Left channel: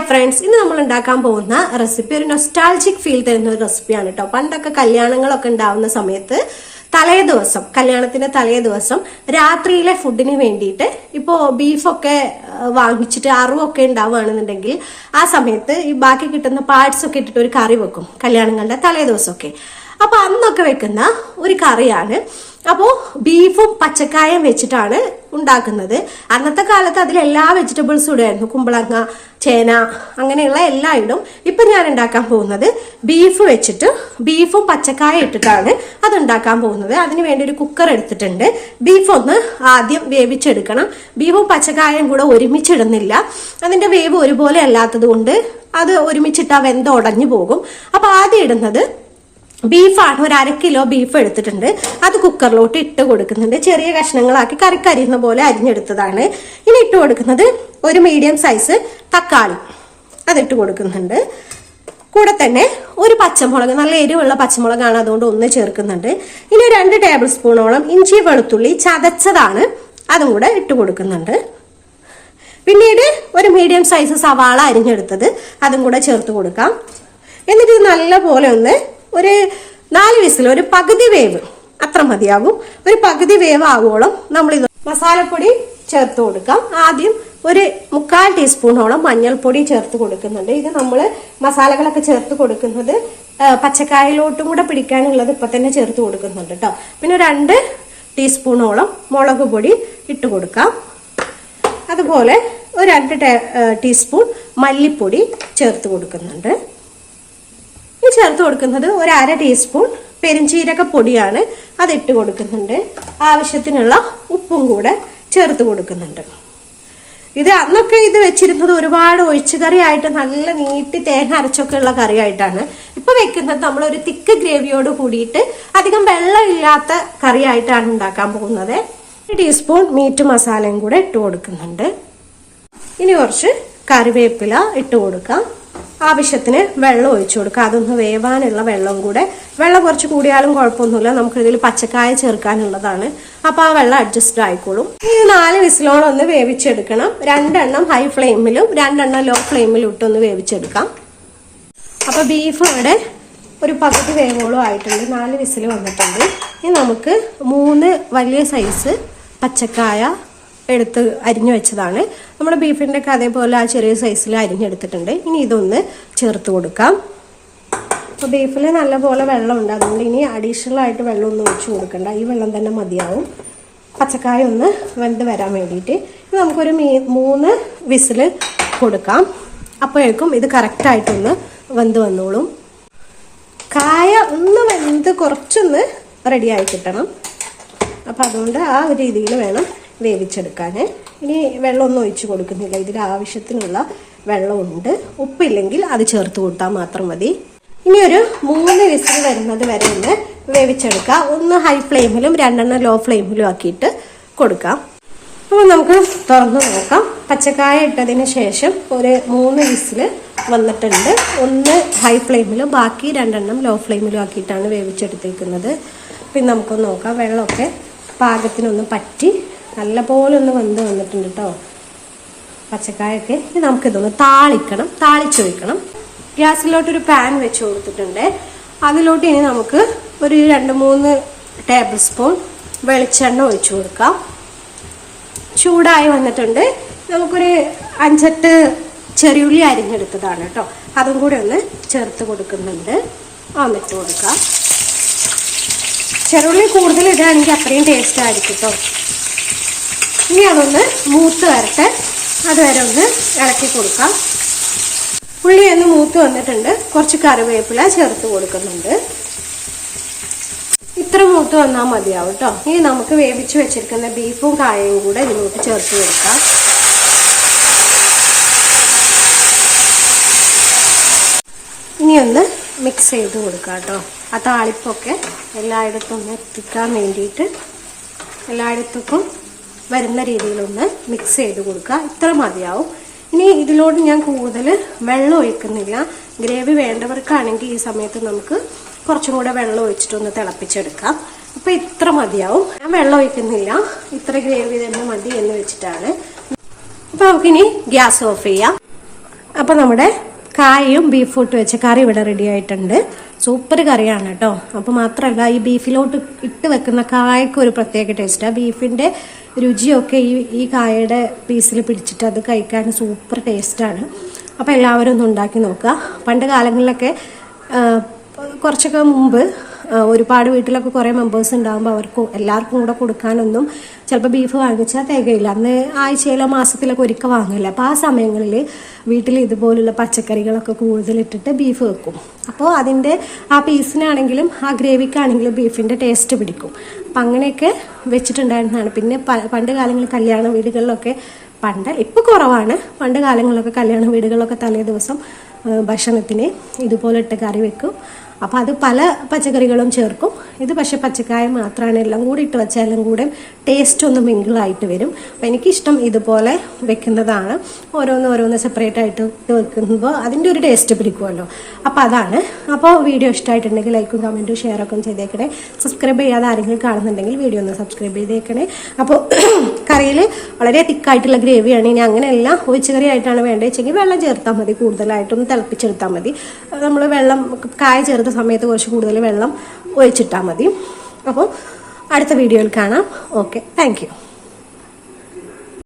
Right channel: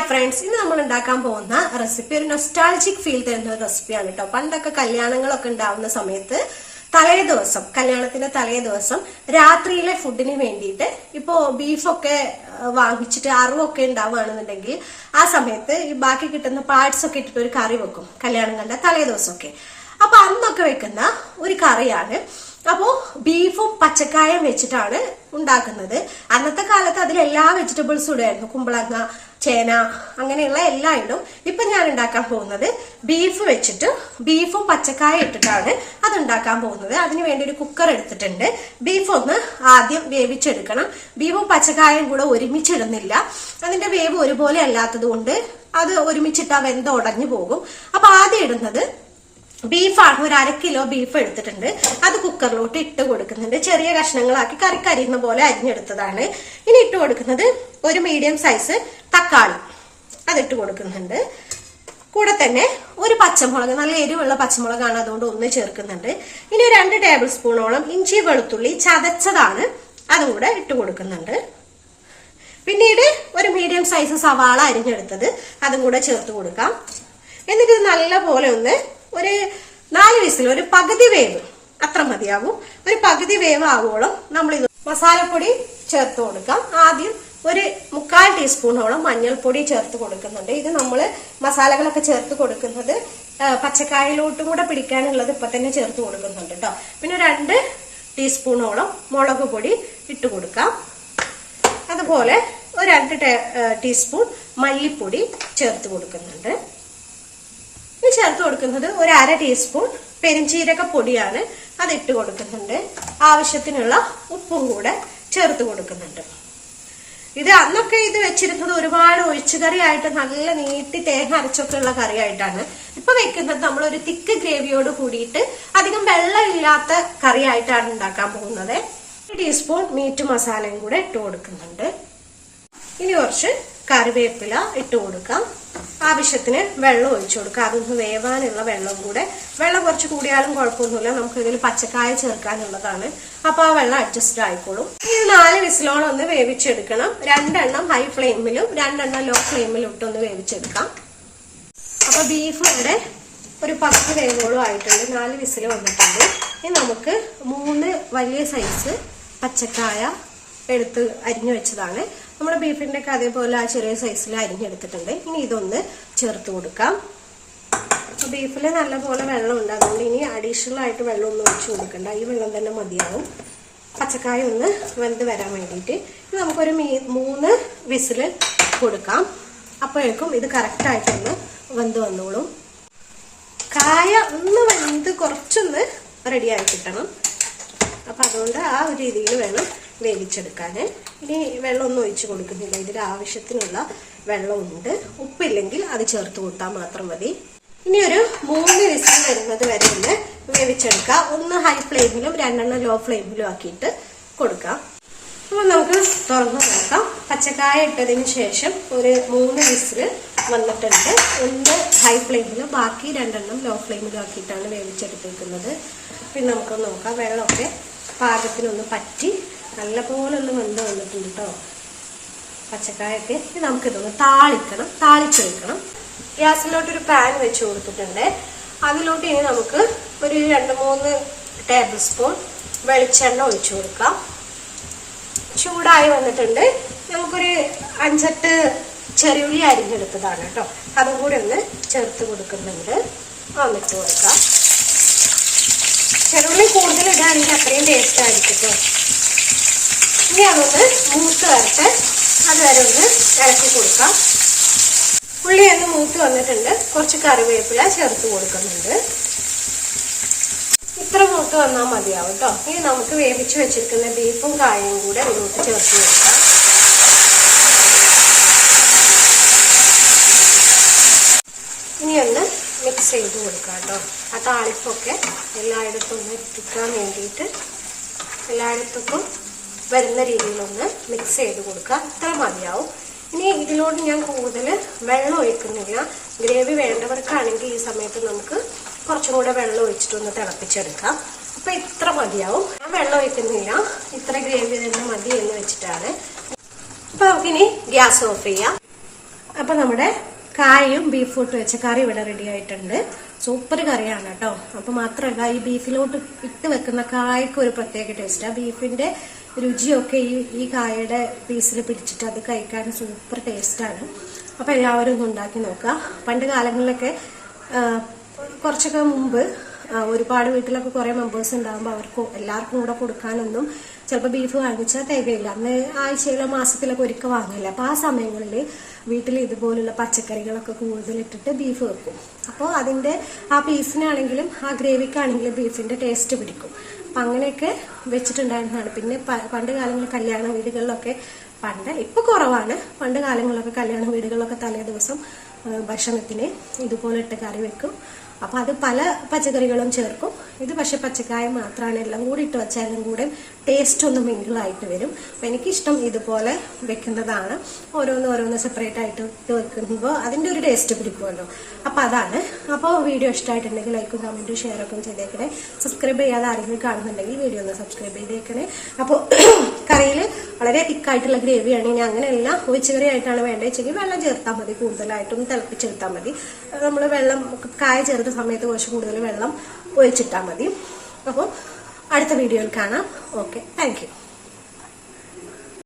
Hi friends, ഇന്ന് നമ്മൾ ഉണ്ടാക്കാൻ പോകുന്ന റെസിപ്പി ഒരു നൊസ്റ്റാൾജിക് ഫീൽ തരുന്ന ഒരു റെസിപ്പിയാണ് കേട്ടോ. പണ്ടൊക്കെ കല്യാണങ്ങളൊക്കെ ഉണ്ടാവുന്ന സമയത്ത് കല്യാണത്തിന്റെ തലേ ദിവസം രാത്രിയിലെ ഫുഡിന് വേണ്ടിയിട്ട് ഇപ്പോ ബീഫൊക്കെ വാങ്ങിച്ചിട്ട് അറുവൊക്കെ ഉണ്ടാവുകയാണെന്നുണ്ടെങ്കിൽ ആ സമയത്ത് ഈ ബാക്കി കിട്ടുന്ന പാർട്സ് ഒക്കെ ഇട്ടിട്ട് ഒരു കറി വെക്കും കല്യാണങ്ങളുടെ തലേ ദിവസമൊക്കെ. അപ്പൊ അന്നൊക്കെ വെക്കുന്ന ഒരു കറിയാണ്. അപ്പോ ബീഫും പച്ചക്കായും വെച്ചിട്ടാണ് ഉണ്ടാക്കുന്നത്. അന്നത്തെ കാലത്ത് അതിൽ എല്ലാ വെജിറ്റബിൾസും ഇടുമായിരുന്നു. കുമ്പളങ്ങ, ചേന, അങ്ങനെയുള്ള എല്ലാം ഇടും. ഇപ്പൊ ഞാൻ ഉണ്ടാക്കാൻ പോകുന്നത് ബീഫ് വെച്ചിട്ട് ബീഫും പച്ചക്കായ ഇട്ടിട്ടാണ് അത് ഉണ്ടാക്കാൻ പോകുന്നത്. അതിന് വേണ്ടി ഒരു കുക്കർ എടുത്തിട്ടുണ്ട്. ബീഫ് ഒന്ന് ആദ്യം വേവിച്ചെടുക്കണം. ബീഫും പച്ചക്കായും കൂടെ ഒരുമിച്ചിടുന്നില്ല. അതിന്റെ വേവ് ഒരുപോലെ അല്ലാത്തത് കൊണ്ട് അത് ഒരുമിച്ചിട്ടാ വെന്ത് ഉടഞ്ഞു പോകും. അപ്പൊ ആദ്യം ഇടുന്നത് ബീഫാണ്. ഒരു 1/2 കിലോ ബീഫ് എടുത്തിട്ടുണ്ട്. അത് കുക്കറിലോട്ട് ഇട്ട് കൊടുക്കുന്നുണ്ട്. ചെറിയ കഷ്ണങ്ങളാക്കി കറിക്കരിയുന്ന പോലെ അരിഞ്ഞെടുത്തതാണ്. ഇനി ഇട്ട് കൊടുക്കുന്നത് ഒരു മീഡിയം സൈസ് തക്കാളി, അതിട്ട് കൊടുക്കുന്നുണ്ട്. കൂടെ തന്നെ ഒരു പച്ചമുളക്, നല്ല എരിവുള്ള പച്ചമുളകാണ്, അതുകൊണ്ട് ഒന്ന് ചേർക്കുന്നുണ്ട്. ഇനി 2 ടേബിൾ സ്പൂണോളം ഇഞ്ചി വെളുത്തുള്ളി ചതച്ചതാണ്, അതും കൂടെ ഇട്ട് കൊടുക്കുന്നുണ്ട്. പിന്നീട് ഒരു മീഡിയം സൈസ് സവാള അരിഞ്ഞെടുത്തത്, അതും കൂടെ ചേർത്ത് കൊടുക്കാം. എന്നിട്ട് നല്ല പോലെ ഒന്ന് ഒരു 4 വിസിൽ, ഒരു പകുതി വേവ് അത്ര മതിയാവും. ഒരു പകുതി വേവ് ആവോളം നമ്മൾ ഇത് മസാലപ്പൊടി ചേർത്ത് കൊടുക്കാം. ആദ്യം ഒരു 1/4 ടീസ്പൂണോളം മഞ്ഞൾപ്പൊടി ചേർത്ത് കൊടുക്കുന്നുണ്ട്. ഇത് നമ്മള് മസാലകളൊക്കെ ചേർത്ത് കൊടുക്കുന്നത് പച്ചക്കായയിലോട്ടും കൂടെ പിടിക്കാനുള്ളത് ഇപ്പൊ തന്നെ ചേർത്ത് കൊടുക്കുന്നുണ്ട് കേട്ടോ. പിന്നെ 2 ടീസ്പൂണോളം മുളക് പൊടി ഇട്ട് കൊടുക്കാം. അതുപോലെ ഒരു 2 ടീസ്പൂൺ മല്ലിപ്പൊടി ചേർത്ത് കൊടുക്കുന്നുണ്ട്. ചേർത്ത് കൊടുക്കുന്നത് ഒരു 1/2 ടീസ്പൂൺ പെരിഞ്ചീരക പൊടിയാണ്, അതിട്ട് കൊടുക്കുന്നുണ്ട്. ആവശ്യത്തിനുള്ള ഉപ്പും കൂടെ ചേർത്ത് കൊടുക്കുന്നുണ്ട്. ഇത് അന്നൊക്കെ ഇത് വെച്ചിരുന്നത് ഒരുപാട് ഒഴിച്ചുകറി ആയിട്ട് നല്ല നീട്ടി തേങ്ങ അരച്ചൊക്കെ ഉള്ള കറിയായിട്ടാണ്. ഇപ്പൊ വെക്കുന്നത് നമ്മളൊരു തിക്ക് ഗ്രേവിയോട് കൂടിയിട്ട് അധികം വെള്ളമില്ലാത്ത കറിയായിട്ടാണ് ഉണ്ടാക്കാൻ പോകുന്നത്. 1 ടീസ്പൂൺ മീറ്റ് മസാലയും കൂടെ ഇട്ട് കൊടുക്കുന്നുണ്ട്. ഇനി കുറച്ച് കറിവേപ്പില ഇട്ട് കൊടുക്കാം. ആവശ്യത്തിന് വെള്ളം ഒഴിച്ചു കൊടുക്കാം. അതൊന്ന് വേവാനുള്ള വെള്ളം കൂടെ. വെള്ളം കുറച്ച് കൂടിയാലും കുഴപ്പമൊന്നുമില്ല, നമുക്ക് ഇതിൽ പച്ചക്കായ ചേർക്കാനുള്ളതാണ്. അപ്പൊ ആ വെള്ളം അഡ്ജസ്റ്റ് ആയിക്കോളും. ഈ 4 വിസിലോളം ഒന്ന് വേവിച്ചെടുക്കണം. 2 എണ്ണം ഹൈ ഫ്ലെയിമിലും 2 എണ്ണം ലോ ഫ്ലെയിമിലും ഇട്ടൊന്ന് വേവിച്ചെടുക്കാം. അപ്പൊ ബീഫ് ഇവിടെ ഒരു പകുതി വേവോളം ആയിട്ടുണ്ട്. 4 വിസിൽ വന്നിട്ടുണ്ട്. ഇനി നമുക്ക് 3 വലിയ സൈസ് പച്ചക്കായ എടുത്ത് അരിഞ്ഞു വെച്ചതാണ്. നമ്മുടെ ബീഫിന്റെ ഒക്കെ അതേപോലെ ആ ചെറിയ സൈസിൽ അരിഞ്ഞെടുത്തിട്ടുണ്ട്. ഇനി ഇതൊന്ന് ചേർത്ത് കൊടുക്കാം. അപ്പൊ ബീഫിൽ നല്ല പോലെ വെള്ളം ഉണ്ട്, അതുകൊണ്ട് ഇനി അഡീഷണൽ ആയിട്ട് വെള്ളം ഒന്നും ഒഴിച്ചു കൊടുക്കണ്ട. ഈ വെള്ളം തന്നെ മതിയാവും പച്ചക്കായ ഒന്ന് വെന്ത് വരാൻ വേണ്ടിയിട്ട്. ഇനി നമുക്കൊരു 3 വിസിൽ കൊടുക്കാം. അപ്പോഴേക്കും ഇത് കറക്റ്റായിട്ടൊന്ന് വെന്ത് വന്നോളും. കായ ഒന്ന് വെന്ത് കുറച്ചൊന്ന് റെഡിയായി കിട്ടണം. അപ്പൊ അതുകൊണ്ട് ആ ഒരു രീതിയിൽ വേണം വേവിച്ചെടുക്കാന്. ഇനി വെള്ളമൊന്നും ഒഴിച്ചു കൊടുക്കുന്നില്ല, ഇതിൽ ആവശ്യത്തിനുള്ള വെള്ളമുണ്ട്. ഉപ്പില്ലെങ്കിൽ അത് ചേർത്ത് കൊടുത്താൽ മാത്രം മതി. ഇനി ഒരു 3 വിസിൽ വരുന്നത് വരെ ഒന്ന് വേവിച്ചെടുക്കാം. ഒന്ന് ഹൈ ഫ്ലെയിമിലും 2 എണ്ണം ലോ ഫ്ലെയിമിലും ആക്കിയിട്ട് കൊടുക്കാം. അപ്പോൾ നമുക്ക് തുറന്നു നോക്കാം. പച്ചക്കായ ഇട്ടതിന് ശേഷം ഒരു 3 വിസിൽ വന്നിട്ടുണ്ട്. ഒന്ന് ഹൈ ഫ്ലെയിമിലും ബാക്കി 2 എണ്ണം ലോ ഫ്ലെയിമിലും ആക്കിയിട്ടാണ് വേവിച്ചെടുത്തിരിക്കുന്നത്. പിന്നെ നമുക്കൊന്ന് നോക്കാം. വെള്ളമൊക്കെ പാകത്തിനൊന്ന് പറ്റി നല്ല പോലെ ഒന്ന് വെന്ത് വന്നിട്ടുണ്ട് കേട്ടോ പച്ചക്കായൊക്കെ. ഇനി നമുക്കിതൊന്ന് താളിച്ചൊഴിക്കണം. ഗ്യാസിലോട്ടൊരു പാൻ വെച്ച് കൊടുത്തിട്ടുണ്ട്. അതിലോട്ട് ഇനി നമുക്ക് ഒരു 2-3 ടേബിൾ സ്പൂൺ വെളിച്ചെണ്ണ ഒഴിച്ചു കൊടുക്കാം. ചൂടായി വന്നിട്ടുണ്ട്. നമുക്കൊരു 5-8 ചെറിയുള്ളി അരിഞ്ഞെടുത്തതാണ് കേട്ടോ, അതും കൂടെ ഒന്ന് ചേർത്ത് കൊടുക്കുന്നുണ്ട്. വന്നിട്ട് കൊടുക്കാം. ചെറുള്ളി കൂടുതൽ ഇടുകയാണെങ്കിൽ അത്രയും ടേസ്റ്റ് ആയിരിക്കും കേട്ടോ. ഇനി അതൊന്ന് മൂത്ത് വരട്ടെ, അതുവരെ ഒന്ന് ഇളക്കി കൊടുക്കാം. ഉള്ളി ഒന്ന് മൂത്ത് വന്നിട്ടുണ്ട്. കുറച്ച് കറിവേപ്പില ചേർത്ത് കൊടുക്കുന്നുണ്ട്. ഇത്ര മൂത്ത് വന്നാൽ മതിയാവും കേട്ടോ. ഇനി നമുക്ക് വേവിച്ച് വെച്ചിരിക്കുന്ന ബീഫും കായയും കൂടെ ഇതിലോട്ട് ചേർത്ത് കൊടുക്കാം. ഇനി ഒന്ന് മിക്സ് ചെയ്ത് കൊടുക്കാം കേട്ടോ. ആ താളിപ്പൊക്കെ എല്ലായിടത്തും ഒന്ന് എത്തിക്കാൻ വേണ്ടിയിട്ട് എല്ലായിടത്തും വരുന്ന രീതിയിലൊന്ന് മിക്സ് ചെയ്ത് കൊടുക്കുക. ഇത്ര മതിയാവും. ഇനി ഇതിലോട്ട് ഞാൻ കൂടുതൽ വെള്ളം ഒഴിക്കുന്നില്ല. ഗ്രേവി വേണ്ടവർക്കാണെങ്കിൽ ഈ സമയത്ത് നമുക്ക് കുറച്ചും കൂടെ വെള്ളം ഒഴിച്ചിട്ടൊന്ന് തിളപ്പിച്ചെടുക്കാം. അപ്പൊ ഇത്ര മതിയാവും. ഞാൻ വെള്ളം ഒഴിക്കുന്നില്ല, ഇത്ര ഗ്രേവി തന്നെ മതി എന്ന് വെച്ചിട്ടാണ്. അപ്പൊ നമുക്കിനി ഗ്യാസ് ഓഫ് ചെയ്യാം. അപ്പോൾ നമ്മുടെ കായയും ബീഫും ഇട്ട് വെച്ച കറി ഇവിടെ റെഡി ആയിട്ടുണ്ട്. സൂപ്പർ കറിയാണ് കേട്ടോ. അപ്പോൾ മാത്രമല്ല ഈ ബീഫിലോട്ട് ഇട്ട് വെക്കുന്ന കായക്ക് ഒരു പ്രത്യേക ടേസ്റ്റാണ്. ബീഫിന്റെ രുചിയൊക്കെ ഈ കായയുടെ പീസിൽ പിടിച്ചിട്ട് അത് കഴിക്കാൻ സൂപ്പർ ടേസ്റ്റാണ്. അപ്പോൾ എല്ലാവരും ഒന്ന് ഉണ്ടാക്കി നോക്കുക. പണ്ട് കാലങ്ങളിലൊക്കെ കുറച്ചൊക്കെ മുമ്പ് ഒരുപാട് വീട്ടിലൊക്കെ കുറേ മെമ്പേഴ്സ് ഉണ്ടാകുമ്പോൾ അവർക്ക് എല്ലാവർക്കും കൂടെ കൊടുക്കാനൊന്നും ചിലപ്പോൾ ബീഫ് വാങ്ങിച്ചാൽ തികയില്ല. അന്ന് ആഴ്ചയിലോ മാസത്തിലൊക്കെ ഒരിക്കൽ വാങ്ങില്ല. അപ്പോൾ ആ സമയങ്ങളിൽ വീട്ടിൽ ഇതുപോലുള്ള പച്ചക്കറികളൊക്കെ കൂടുതലിട്ടിട്ട് ബീഫ് വെക്കും. അപ്പോൾ അതിൻ്റെ ആ പീസിനാണെങ്കിലും ആ ഗ്രേവിക്കാണെങ്കിലും ബീഫിൻ്റെ ടേസ്റ്റ് പിടിക്കും. അപ്പം അങ്ങനെയൊക്കെ വെച്ചിട്ടുണ്ടായിരുന്നതാണ്. പിന്നെ പണ്ട് കാലങ്ങളിൽ കല്യാണ വീടുകളിലൊക്കെ ഇപ്പോൾ കുറവാണ്. പണ്ട് കാലങ്ങളിലൊക്കെ കല്യാണ വീടുകളിലൊക്കെ തലേ ദിവസം ഭക്ഷണത്തിന് ഇതുപോലെ ഇട്ട് കറി വെക്കും. അപ്പം അത് പല പച്ചക്കറികളും ചേർക്കും. ഇത് പക്ഷെ പച്ചക്കായ മാത്രമാണ്. എല്ലാം കൂടി ഇട്ട് വെച്ചാൽ എല്ലാം കൂടെ ടേസ്റ്റ് ഒന്ന് മിങ്കിളായിട്ട് വരും. അപ്പം എനിക്കിഷ്ടം ഇതുപോലെ വെക്കുന്നതാണ്. ഓരോന്ന് സെപ്പറേറ്റ് ആയിട്ട് ഇട്ട് വെക്കുമ്പോൾ അതിൻ്റെ ഒരു ടേസ്റ്റ് പിടിക്കുമല്ലോ. അപ്പം അതാണ്. അപ്പോൾ വീഡിയോ ഇഷ്ടമായിട്ടുണ്ടെങ്കിൽ ലൈക്കും കമൻറ്റും ഷെയറൊക്കെ ചെയ്തേക്കണേ. സബ്സ്ക്രൈബ് ചെയ്യാതെ ആരെങ്കിലും കാണുന്നുണ്ടെങ്കിൽ വീഡിയോ ഒന്ന് സബ്സ്ക്രൈബ് ചെയ്തേക്കണേ. അപ്പോൾ കറിയിൽ വളരെ തിക്കായിട്ടുള്ള ഗ്രേവിയാണ്. ഇനി അങ്ങനെയല്ല ഒഴിച്ചുകറി ആയിട്ടാണ് വേണ്ടതെങ്കിൽ വെള്ളം ചേർത്താൽ മതി. കൂടുതലായിട്ടൊന്ന് തിളപ്പിച്ചെടുത്താൽ മതി. നമ്മൾ വെള്ളം കായ ചേർത്ത സമയത്ത് കുറച്ച് കൂടുതൽ വെള്ളം ഒഴിച്ചിട്ടാൽ മതി. അപ്പോൾ അടുത്ത വീഡിയോയിൽ കാണാം. Okay, thank you.